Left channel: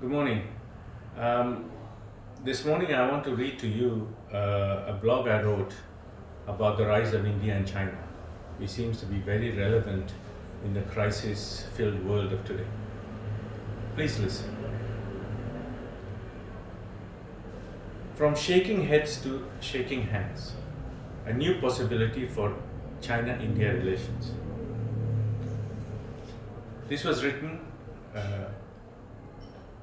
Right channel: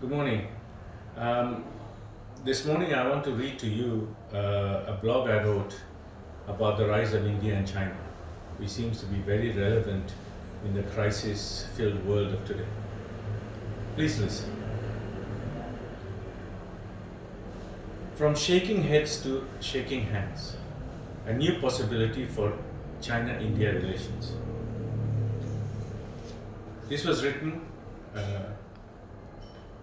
Good morning. Um, this morning, I want to read to you a blog I wrote about the rise of India and China, which seems to be very relevant in the crisis filled world of today. Please listen. From shaking heads to shaking hands, a new possibility for China India relations. This was written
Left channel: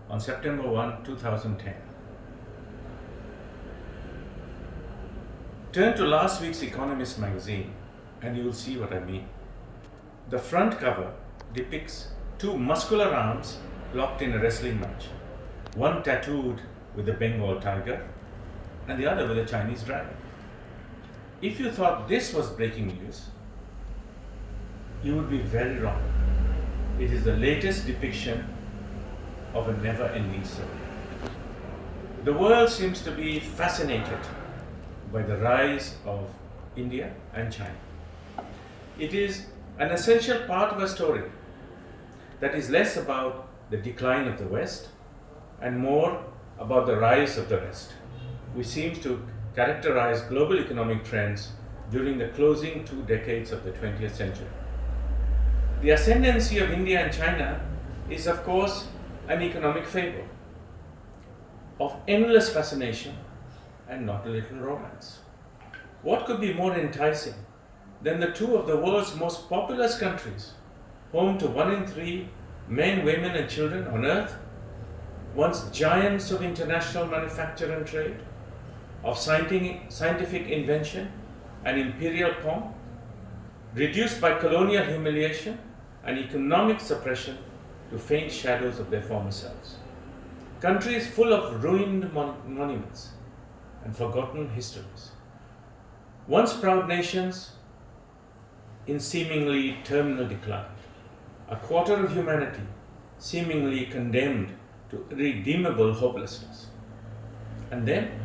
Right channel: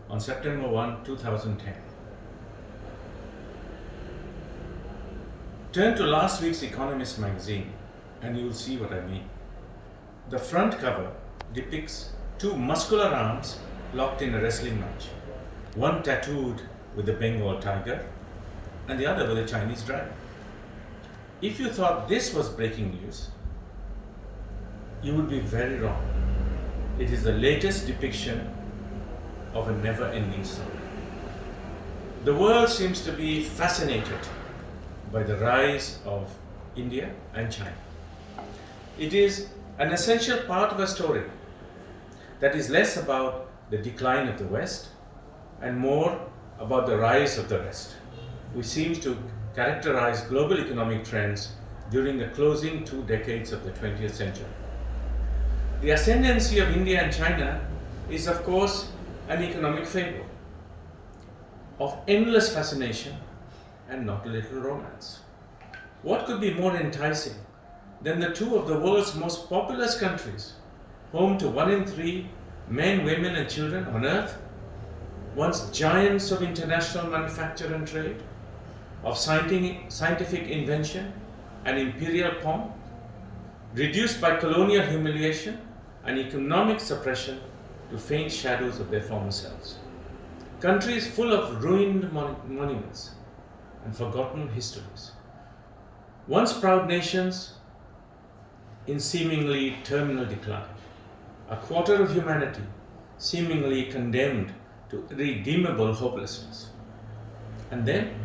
on September 1, 2010. Turn to last week's Economist magazine and you will see what I mean. The front cover depicts two muscular arms locked in a wrestling match, one tattooed with a Bengal tiger and the other with a Chinese dragon. If you thought this was breaking news, you would be very wrong. It is the latest depiction of a never-ending story. The world seems to be fascinated by the rise of India and China. It is an essential part of a story that is less about the decline of the West and more about the rise of the West, which seems to characterize global economic trends during the closing 2 decades of the 20th century. The ascendancy of India and China is, of course, an economic fable of endless fascination and not a little romance. What could be more enticing than the two of the world's most populous countries, home to 1 in 3 men, women, and children on earth, once giants of international manufacture and trade, of scientific invention and imperial pomp, reduced by colonial humiliation and economic suppression to faint shadows of their former selves. Countries full of ruined monuments and forgotten histories. Once proud nations in seemingly terminal decline. A quarter of humanity seemingly condemned to irredeemable hopelessness. And then,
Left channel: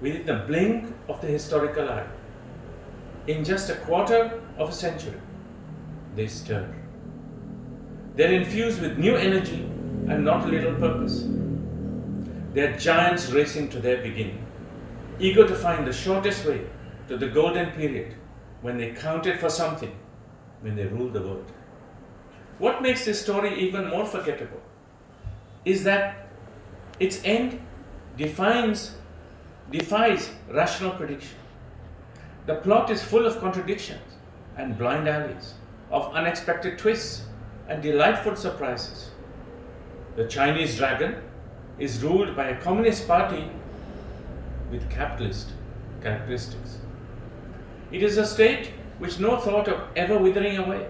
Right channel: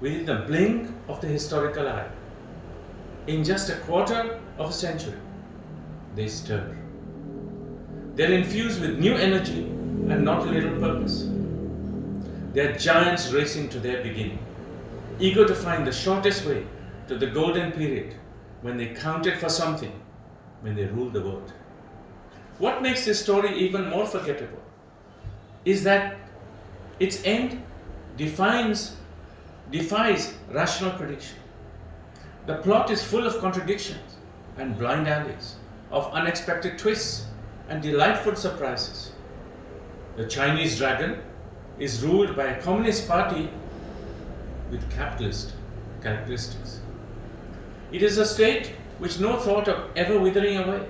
within the blink of the historical eye, in just a quarter of a century, they stir. They're infused with new energy and not a little purpose. They're giants racing to their beginning, eager to find the shortest way to the golden period when they counted for something, when they ruled the world. What makes this story even more forgettable is that its end defies rational prediction. The plot is full of contradictions and blind alleys, of unexpected twists and delightful surprises. The Chinese dragon is ruled by a communist party with capitalist characteristics. It is a state which no thought of ever withering away,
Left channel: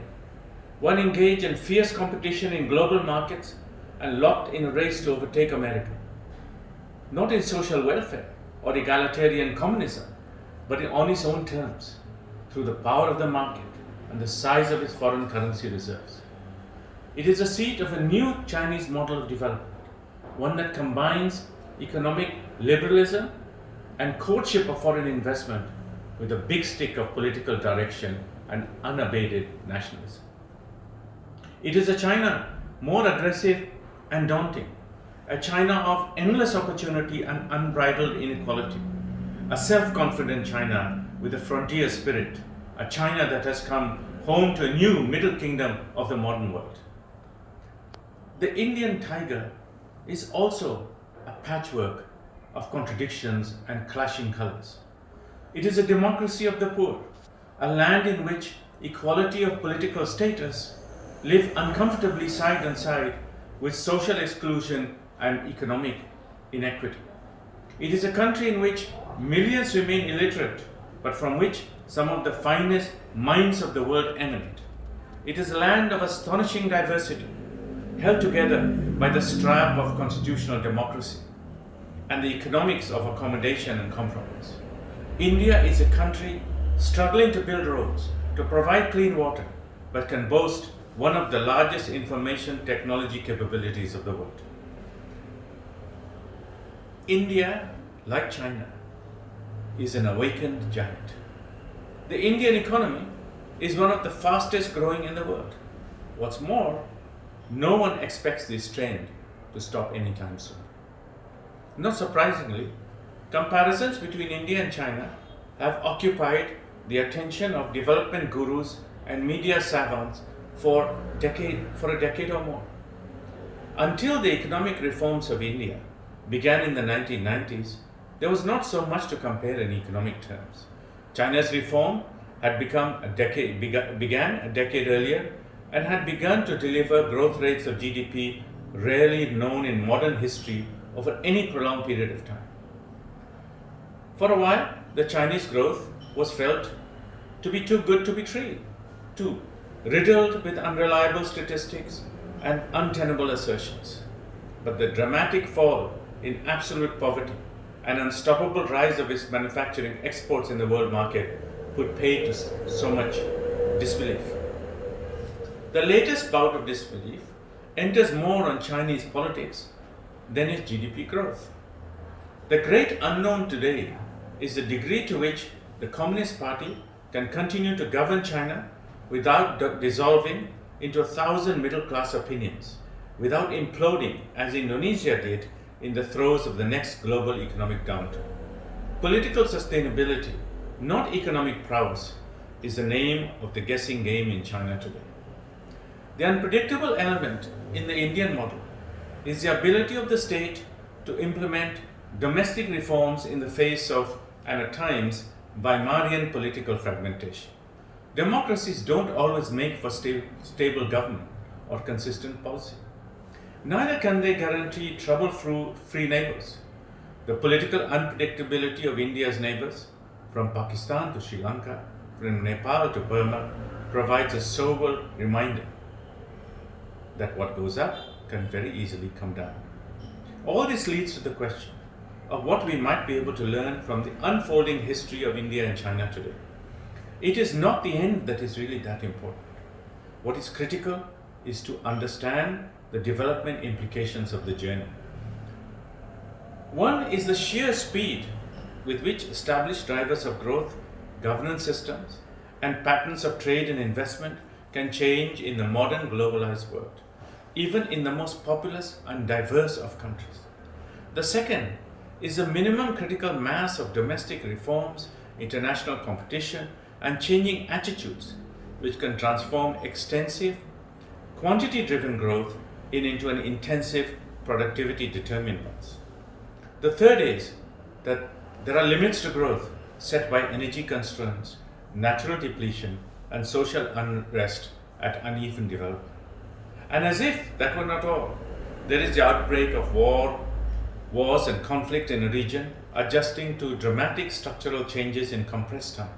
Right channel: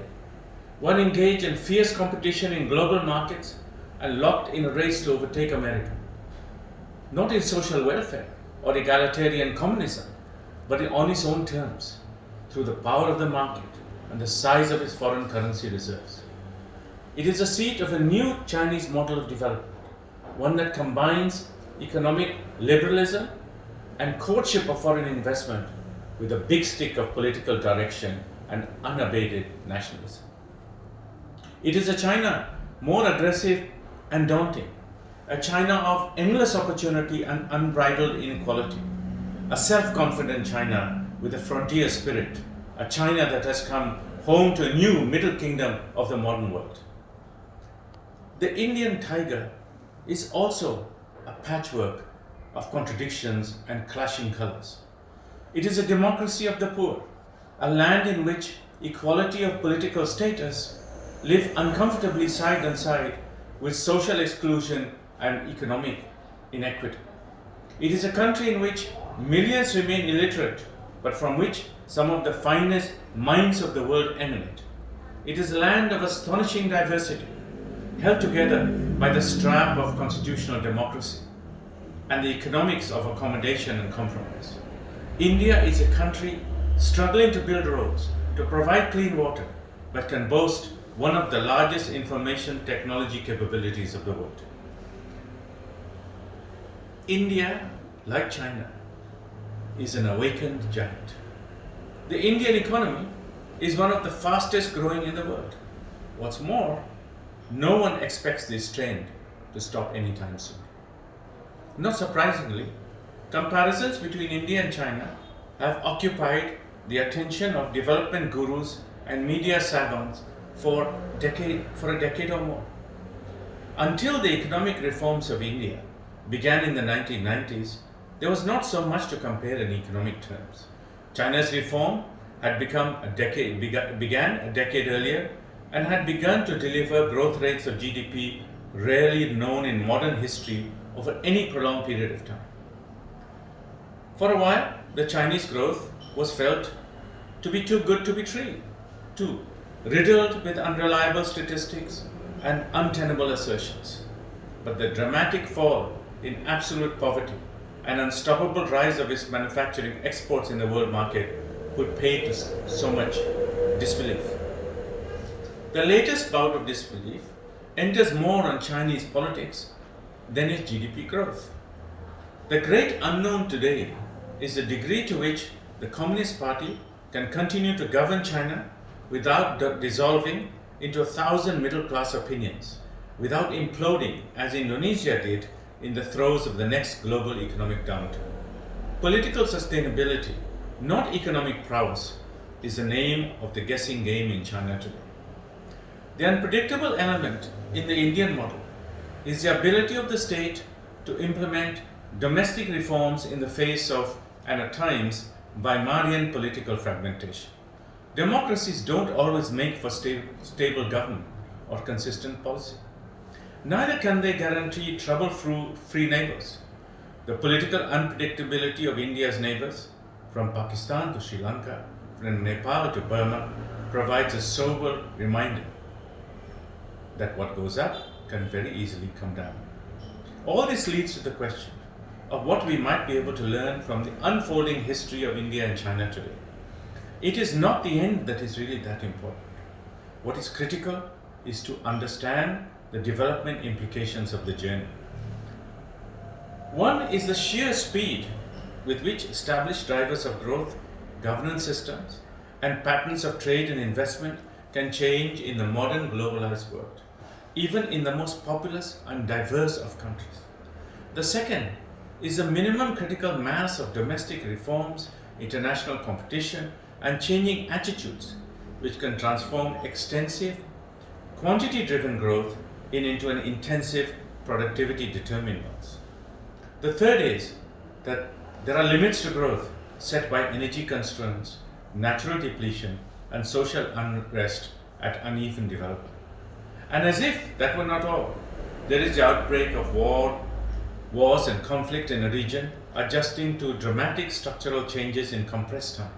one engaged in fierce competition in global markets and locked in a race to overtake America. Not in social welfare or egalitarian communism, but on its own terms, through the power of the market and the size of its foreign currency reserves. It is the seat of a new Chinese model of development, one that combines economic liberalism and courtship of foreign investment with a big stick of political direction and unabated nationalism. It is a China more aggressive and daunting, a China of endless opportunity and unbridled inequality, a self-confident China with a frontier spirit, a China that has come home to a new middle kingdom of the modern world. The Indian tiger is also a patchwork of contradictions and clashing colors. It is a democracy of the poor, a land in which equality of political status live uncomfortably side by side with social exclusion and economic inequity. It is a country in which millions remain illiterate, but from which some of the finest minds of the world emanate. It is a land of astonishing diversity, held together by the strap of constitutional democracy and the economics of accommodation and compromise. India is a country struggling to build roads, to provide clean water, but can boast one of the largest information technology capabilities of the world. India, like China, is an awakened giant. The Indian economy is one of the fastest growing in the world. What's more, no one expects this trend to stop anytime soon. Not surprisingly, comparisons between India and China have occupied the attention of development gurus and media savants for a decade or more. Until the economic reforms of India began in the 1990s, there was not so much to compare in economic terms. China's reform had began a decade earlier and had begun to deliver growth rates of GDP rarely known in modern history over any prolonged period of time. For a while, the Chinese growth was felt to be too good to be true, riddled with unreliable statistics and untenable assertions. But the dramatic fall in absolute poverty and unstoppable rise of its manufacturing exports in the world market put paid to so much disbelief. The latest bout of disbelief enters more on Chinese politics than its GDP growth. The great unknown today is the degree to which the Communist Party can continue to govern China without dissolving into 1,000 middle-class opinions, without imploding as Indonesia did in the throes of the next global economic downturn. Political sustainability, not economic prowess, is the name of the guessing game in China today. The unpredictable element in the Indian model is the ability of the state to implement domestic reforms in the face of, and at times, Weimarian political fragmentation. Democracies don't always make for stable government or consistent policy. Neither can they guarantee trouble-free neighbors. The political unpredictability of India's neighbors, from Pakistan to Sri Lanka, from Nepal to Burma, provides a sober reminder that what goes up can very easily come down. All this leads to the question of what we might be able to learn from the unfolding history of India and China today. It is not the end that is really that important. What is critical is to understand the development implications of the journey. One is the sheer speed with which established drivers of growth, governance systems, and patterns of trade and investment can change in the modern globalized world, even in the most populous and diverse of countries. The second is the minimum critical mass of domestic reforms, international competition, and changing attitudes, which can transform extensive, quantity-driven growth into an intensive, productivity-determined ones. The third is that there are limits to growth set by energy constraints, natural depletion, and social unrest at uneven development. And as if that were not all, there is the outbreak of wars and conflict in a region adjusting to dramatic structural changes in compressed time.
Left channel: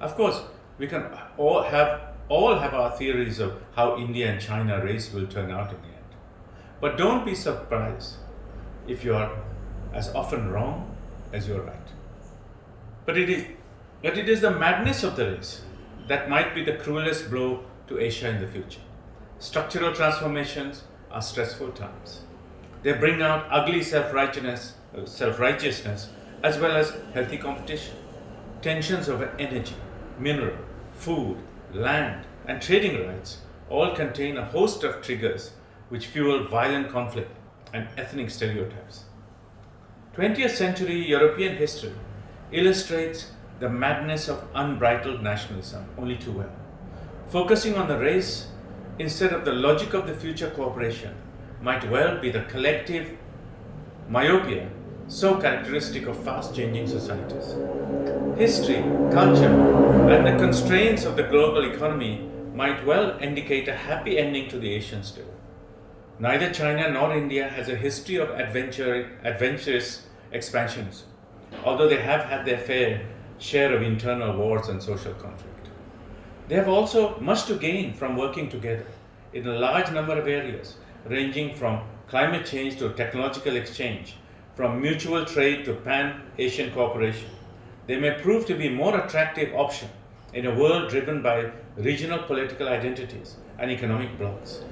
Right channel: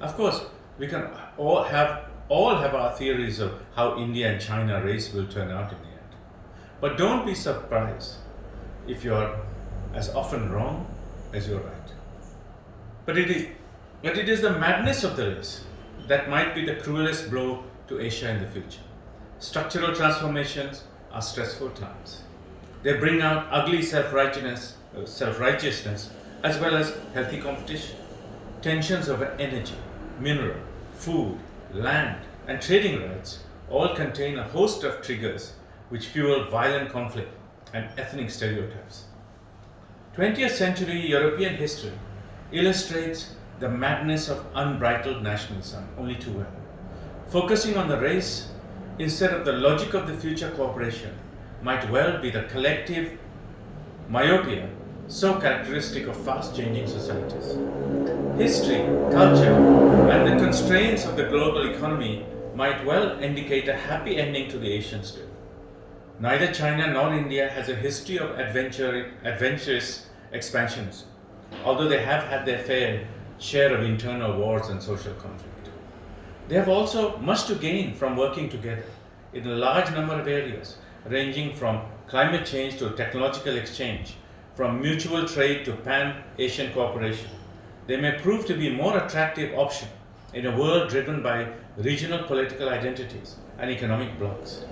Of course, we can all have our theories of how India and China race will turn out in the end. But don't be surprised if you are as often wrong as you're right. But it is the madness of the race that might be the cruelest blow to Asia in the future. Structural transformations are stressful times. They bring out ugly self-righteousness as well as healthy competition. Tensions over energy, mineral, food, land, and trading rights all contain a host of triggers which fuel violent conflict and ethnic stereotypes. 20th century European history illustrates the madness of unbridled nationalism only too well. Focusing on the race instead of the logic of the future cooperation might well be the collective myopia so characteristic of fast-changing societies. History, culture, and the constraints of the global economy might well indicate a happy ending to the Asian story. Neither China nor India has a history of adventurous expansionism, although they have had their fair share of internal wars and social conflict. They have also much to gain from working together in a large number of areas, ranging from climate change to technological exchange, from mutual trade to pan-Asian cooperation. They may prove to be a more attractive option in a world driven by regional political identities and economic blocs.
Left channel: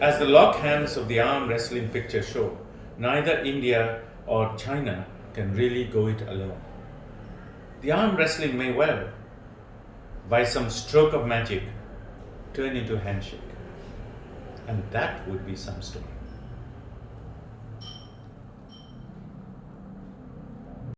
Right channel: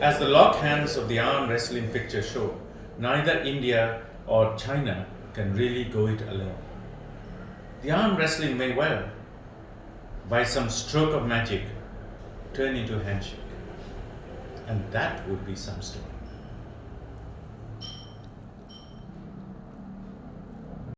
As the locked hands of the arm wrestling picture show, neither India or China can really go it alone. The arm wrestling may well, by some stroke of magic, turn into a handshake. And that would be some story.